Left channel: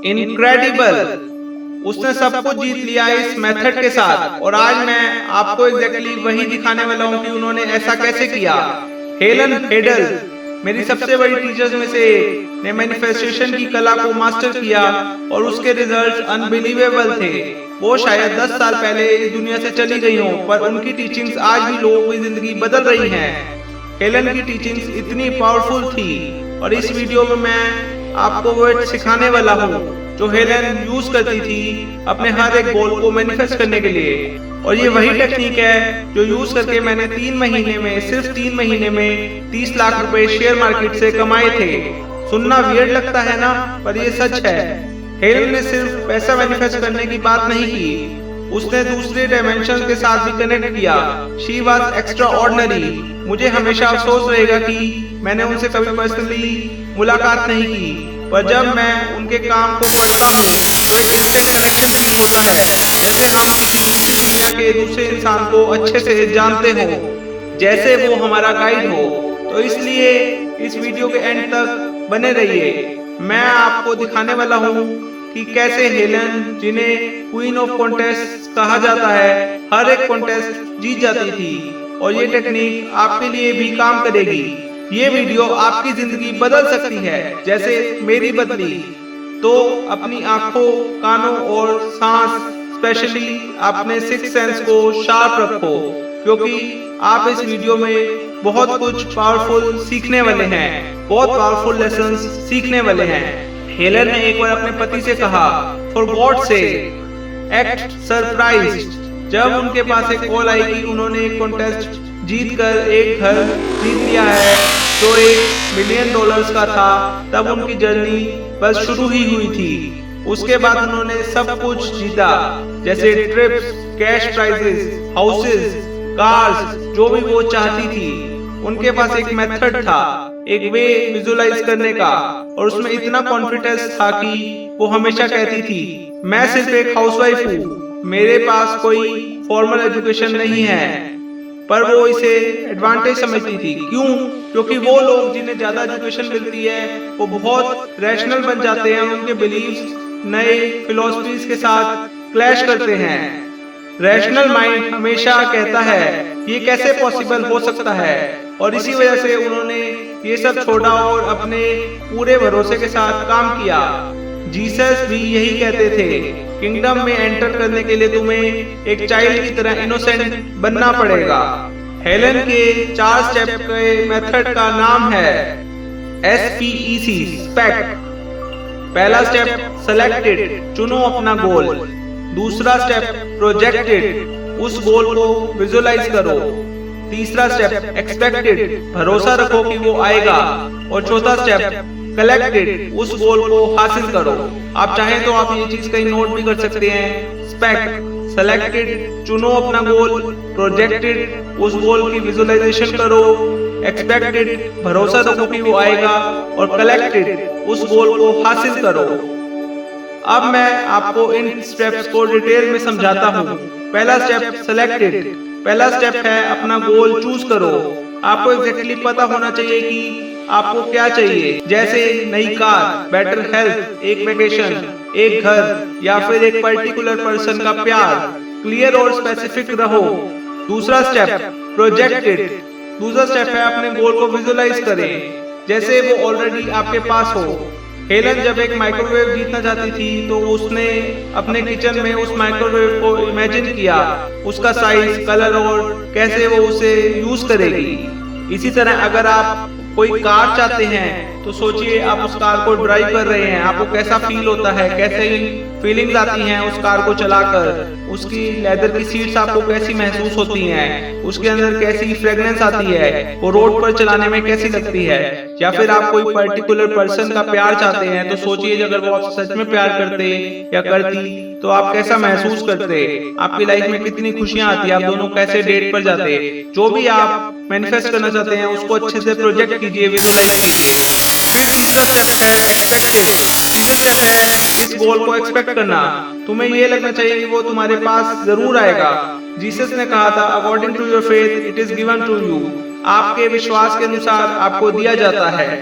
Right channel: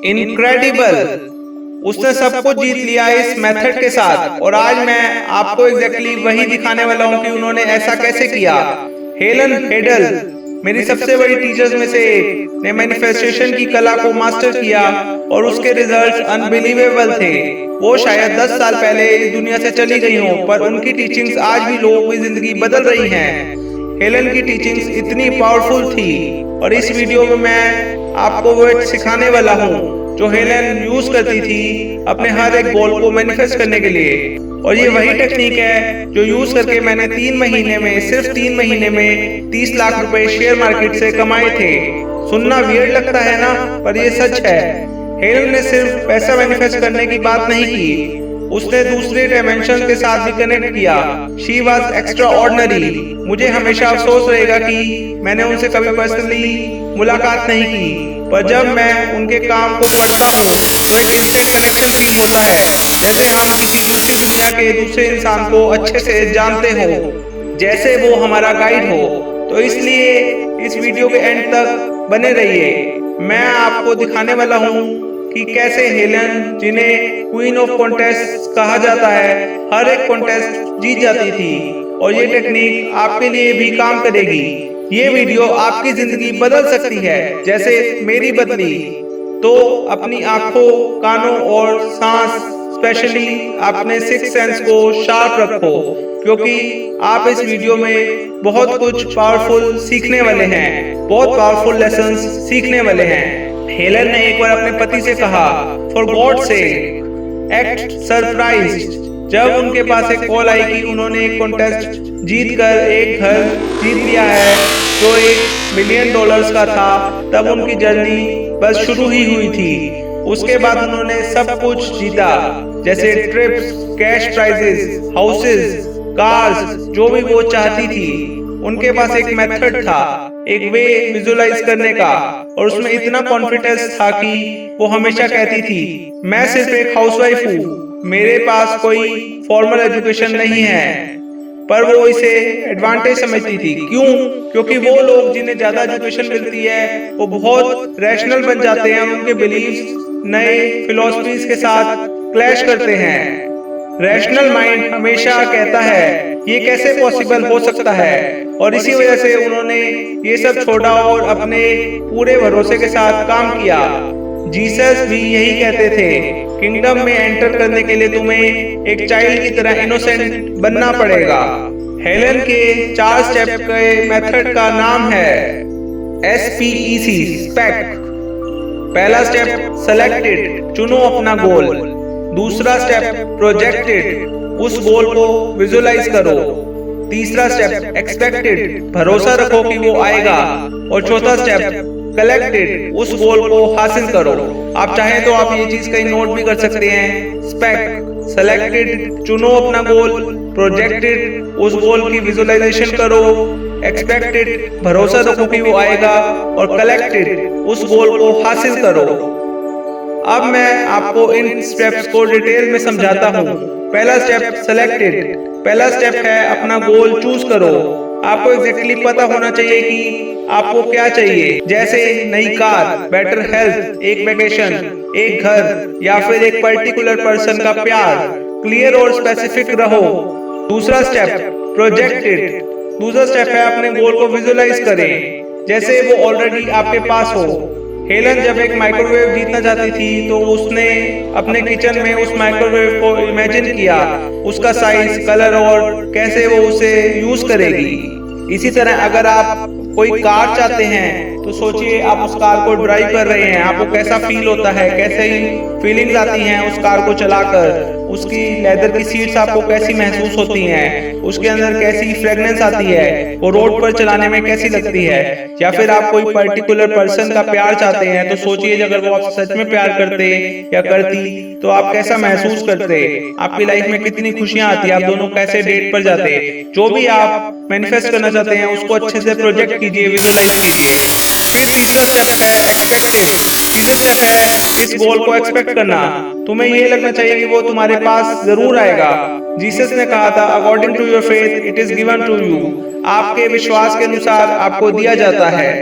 Incredible. उसने सब कुछ जीत लिया इस मेथड के साथ और आज मैं आपको एग्जैक्टली वही दिखाने वाला हूँ कि उन्होंने ऐसा कैसे किया। हेलन हेडल मेरी सबसे बड़ी टीचर्स में से एक ने मैनिफेस्टेशन की कला को मास्टर किया और उसके रिजल्ट्स अनबिलीवेबल थे। वो शायद 10 साल पहले इस दुनिया से चली गई हों, पर उनकी टीचिंग्स आज भी लोगों की जिंदगी बदल रही हैं। हेलन की टीचिंग्स इतनी पावरफुल थी और इस वीडियो में मैं आपको वो सिखाने वाला हूँ जो हेलन यूज करती थी अपने हर एक गोल को मैनिफेस्ट करने के लिए। और ये वही टेक्निक है जो यूज करके मैंने 3 महीने में, सिर्फ 3 महीने में 30 लाख रुपए शेयर मार्केट से कमाए थे। सुनना वियर्ड लगता है ना, पर ये सच है। हेलन ने सिर्फ पैसा मैनिफेस्ट करने की बात नहीं की, उसने दूसरे डायमेंशन के साथ भी कनेक्ट किया। She was extra ordinary. मुझे हमेशा अफसोस रहेगा कि मैंने उनसे कभी पर्सनली मुलाकात नहीं की, पर जब मैं उनके काम को पढ़ता हूँ तो एक इंस्टेंट कनेक्शन फील होता है, जैसे हम किसी दूसरी दुनिया के दूसरे इंसान को अच्छे से जानते हो, जैसे वो हमारा गाइड हो। तो इसलिए इस वीडियो के एंड तक बने रहिए। मैं आपको दिखाने वाला हूँ कि कैसे हेलन, जिन्हें क्वीन ऑफ कॉन्टेस्ट कहा जाता है, हर एक कॉन्टेस्ट जीत जाती थी। और ये टेक्निक आपके लिए भी काम करेगी। ये वीडियो आपकी जिंदगी बदल सकती है जैसे मेरी बदली। तो अपनी आंखों, कानों और सांस, स्पेशली अपने सिक्स सेंस को शार्प रखो, क्योंकि आप इस वीडियो में बहुत कुछ पावरफुल सीखने वाले हैं, बहुत पावरफुल लेसन्स सीखने वाले हैं। हेलन ने एक बार अपने पति से कहा, फॉर गॉड से एक्ट सरप्राइज्ड। जब उनके पास एक कॉल आई कि उन्होंने एक कॉन्टेस्ट जीत कर एक घर जीत लिया है जो $1 मिलियन का था, तब उनकी जर्नी बस शुरू ही हुई थी। उसके बाद उन्होंने सब कुछ जीता, जैसे trips, cash prices, houses, cars, जो भी वो चाहती थी। उनके पास एक मेथड था, एक वे विजुलाइज करने का, और उसमें इतना कॉन्फिडेंस था कि वो हमेशा कहती थी, मैं सिर्फ एक हाउसवाइफ हूँ, मेरे पास कोई फॉर्मल एजुकेशन नहीं है। पर वो इसे एडवांटेज समझती थी। क्यों? क्योंकि वो लोग जिन्हें ज्यादा एजुकेशन मिलती है वो बहुत रैशनल बन जाते हैं, उनके बिलीव्स नए फिलॉसफीज के साथ क्लैश करते हैं। रैशनल माइंड हमेशा कहता है ये कैसे पॉसिबल हो सकता है, और इसी वजह से उन्होंने ये सब छोड़ा और अपने पूरे भरोसे के साथ काम किया। जीसस भी यही कहते थे, किंगडम में एंटर करने के लिए तुम्हें एक चाइल्ड की तरह इनोसेंट बनना पड़ेगा। हेलन के 4 स्टेप के मेथड का नाम है SPEC, स्पेक्ट। पहला स्टेप सेलेक्टेड, चुनो अपना गोल। दूसरा स्टेप प्रोजेक्टेड, उस गोल को विजुलाइज करो। तीसरा स्टेप एक्सपेक्टेड, भरोसा रखो कि वो आएगा। और चौथा स्टेप कलेक्टेड, उस गोल को हासिल करो। आप चाहें तो आप ये चीज कहीं नोट भी कर सकते हैं। स्पेक्ट, सेलेक्टेड, चुनो अपना गोल। प्रोजेक्टेड, उस गोल की विजुलाइजेशन करो। एक्सपेक्टेड, भरोसा रखो कि वो आएगा। और कलेक्टेड, उस गोल को हासिल करो। अब मैं आपको इन स्टेप्स को डिटेल में समझाता हूँ। पहला स्टेप सेलेक्टेड। पहला स्टेप है अपना गोल चूज करो। आपको एग्जैक्टली पता होना चाहिए कि आपको क्या चाहिए, जैसे नई कार, बेटर हेल्थ, एक वेकेशन, एक घर, या फिर एक पर्टिकुलर पर्सन का प्यार। क्लियर और स्पेसिफिक रहो। दूसरा स्टेप प्रोजेक्टेड। दूसरा स्टेप है अपने गोल को विजुलाइज करें, जैसे वो ऑलरेडी आपके पास हो। हेलन जब एक माइक्रोवेव जीतना चाहती थी तो उसने अपने किचन में उस माइक्रोवेव को इमेजिन किया, उसका साइज, कलर और कैसे वो उसे यूज करेगी। इसी तरह अगर आप कोई कार चाहते हैं तो सोचिए आप उस कार को ड्राइव कर रहे हैं, आपको कैसा फील होता है, कैसे फीलिंग्स आती हैं उस कार को चलाकर। उसकी लेदर की सीट्स आपको कैसी महसूस होती हैं, उसके अंदर कैसी फ्रेग्रेंस आती है, वो रोड पर चलाने में कैसी लगती है। या फिर आप कोई पर्टिकुलर पर्सन का प्यार चाहते हैं तो सोचिए अगर वो आप सच में प्यार करते या करती तो आप कैसा महसूस करते, आपकी लाइफ में कितनी खुशियां आती, आप दोनों कैसे डेट पर जाते। जो भी आप मैनिफेस्ट करना चाहते हैं उसको अच्छे से प्रोजेक्ट कीजिए, विजुलाइज कीजिए। फिर तीसरा स्टेप है एक्सपेक्टेड। तीसरा स्टेप है इस गोल को एक्सपेक्ट करना। तुम्हें ये लगना चाहिए कि वो तुम्हारे पास जरूर आएगा। जीसस ने कहा था, according to your faith it is given to you. आपके विश्वास के अनुसार आपको दिया जाता है।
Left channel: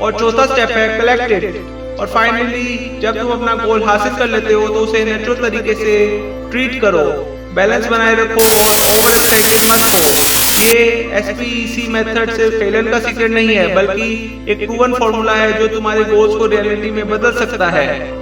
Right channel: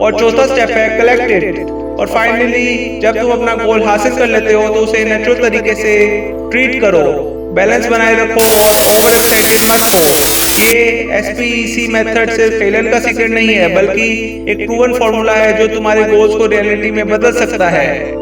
और चौथा स्टेप है कलेक्टेड। और फाइनली जब तुम अपना गोल हासिल कर लेते हो तो उसे नेचुरल तरीके से ट्रीट करो, बैलेंस बनाए रखो और ओवर एक्साइटेड मत हो। ये SPEC मेथड सिर्फ हेलन का सीक्रेट नहीं है, बल्कि एक प्रूवन फॉर्मूला है जो तुम्हारे गोल्स को रियलिटी में बदल सकता है।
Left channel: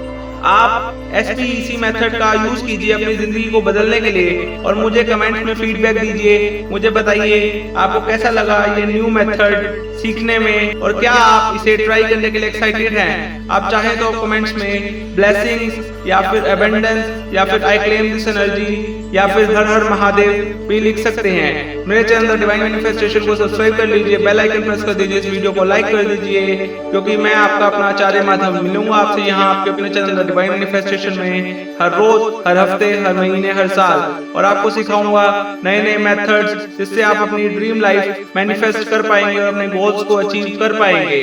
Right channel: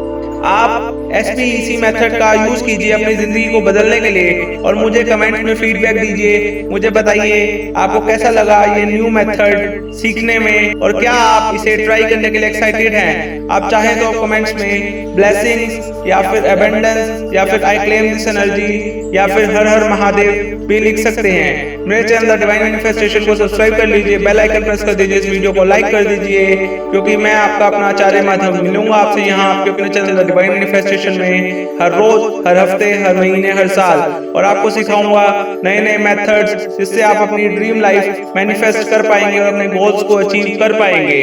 आप SPEC मेथड का यूज कीजिए अपनी जिंदगी को बदलने के लिए और मुझे कमेंट्स में फीडबैक दीजिए। मुझे बताइए आपको कैसा लगा ये न्यू मेथड सीखने में और क्या आप इसे ट्राई करने के लिए एक्साइटेड हैं। आप चाहें तो कमेंट्स में ब्लेसिंग्स या फिर अबंडेंस या फिर आई क्लेम दिस एनर्जी या फिर हर हर महादेव भी लिख सकते हैं। मेरे चैनल द डिवाइन मैनिफेस्टेशन को सब्सक्राइब कर लीजिए, बेल आइकन प्रेस कर दीजिए, इस वीडियो को लाइक कर दीजिए, क्योंकि मैं आपका अपना आचार्य माधव मिलूंगा आपसे यहाँ आपके अपने चैनल द डिवाइन मैनिफेस्टेशन में हर रोज, हर हफ्ते, हर महीने, हर साल, और आपको सिखाऊंगा नए नए मेथड्स जिससे आप अपनी ड्रीम लाइफ मैनिफेस्ट कर पाएंगे और अपने गोल्स को अचीव कर पाएंगे।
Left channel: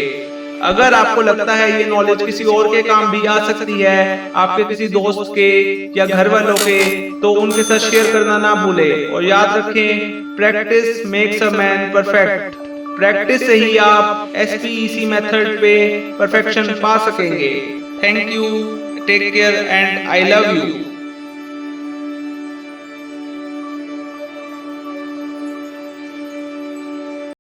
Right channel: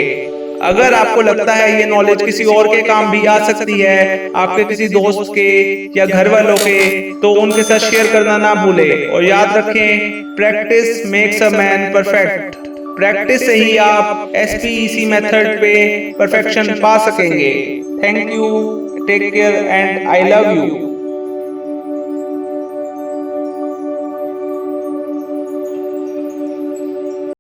अगर आपको लगता है ये नॉलेज किसी और के काम भी आ सकती है, आपके किसी दोस्त के या घर वालों के, तो उनके साथ शेयर करना ना भूलें। और याद रखें, practice makes a man perfect. Practice से ही आप SPEC मेथड पे परफेक्शन पा सकेंगे। Thank you, take care and I love you.